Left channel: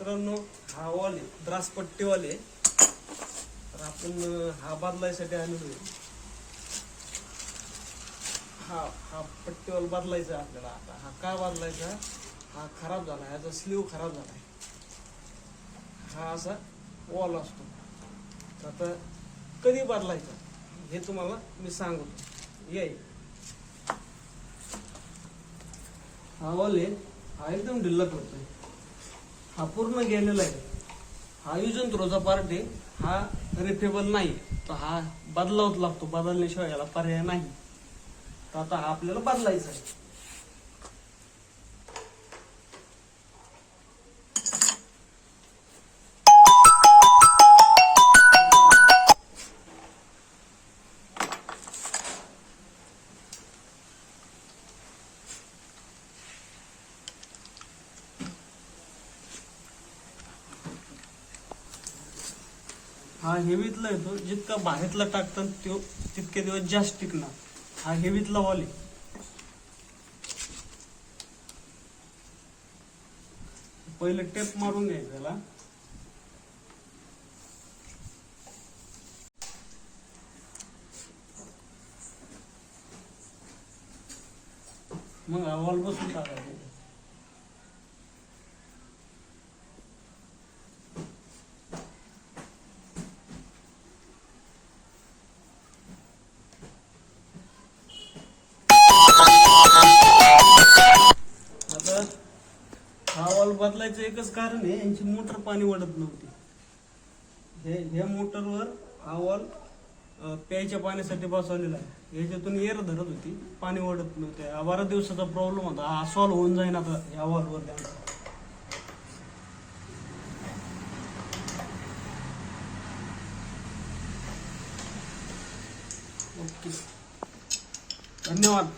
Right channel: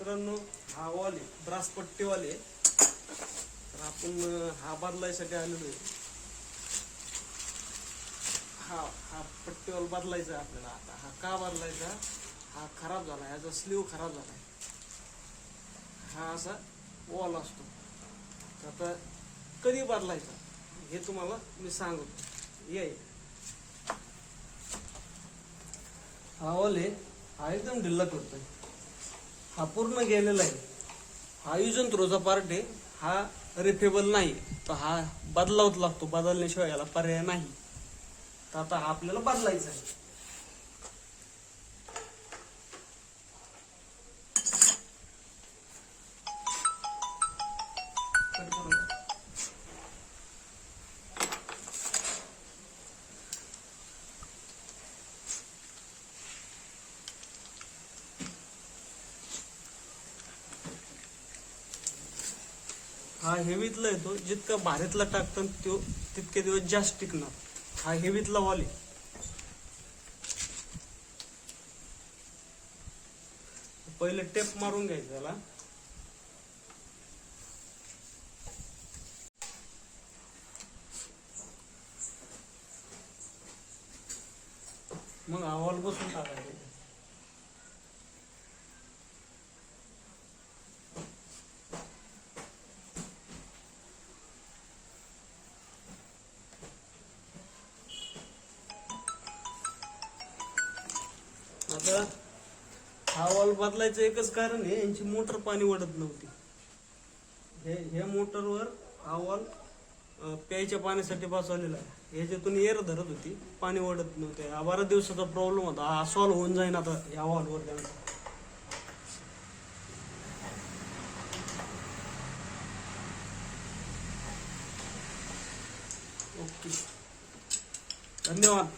मित्रांनो, हा वॉल आहे द्रासपट्टीवाले. तर आपण हा बदलायसाठी आलेलो आहे. हा पट्टीवाल बदलायचा आहे आपल्याला. आता हा का बदलायचा, हा खराब झाला, ह्याचा स्लीव खराब झालाय. हा असा वॉल असतो. आता कधी बदलायचा हे तुम्हाला मी सांगतो. ये हा वॉल आहे, हा एकदम ढिल्ला करतोय. हा पूर्ण गेलेला आहे. हा यूज अँड थ्रोचा पार्ट आहे. हा रिपेबल नाही, तर हा बदलावच लागतो. बदलण्याशिवाय याला पर्याय नाही. तर आता आपल्याला बदलायचा आहे. हा हेवीतला येतो. जितका भारीतला टाकतात तितके दिवस जास्त टिकणार. हा हेवीतला वॉल आहे. पहिले टेप मारून घ्यायचं याला. मग हा वॉल बसून टाकायचा. आता हा वॉल बदलायचं एकच कारण आहे, यांची मोटर पाणी ओढत नव्हती. ह्या मोटरवर हा वॉल प्यायच्या पाण्यासाठी बसवलेला आहे. ह्याच्यातून एअर धरत होती, पाणी ओढत नव्हते. हा बऱ्याच दिवसाचा प्रॉब्लेम होता. हा सॉल्व्ह होऊन जाईन आता ह्या वॉलवर त्यांचा. ओके, धन्यवाद.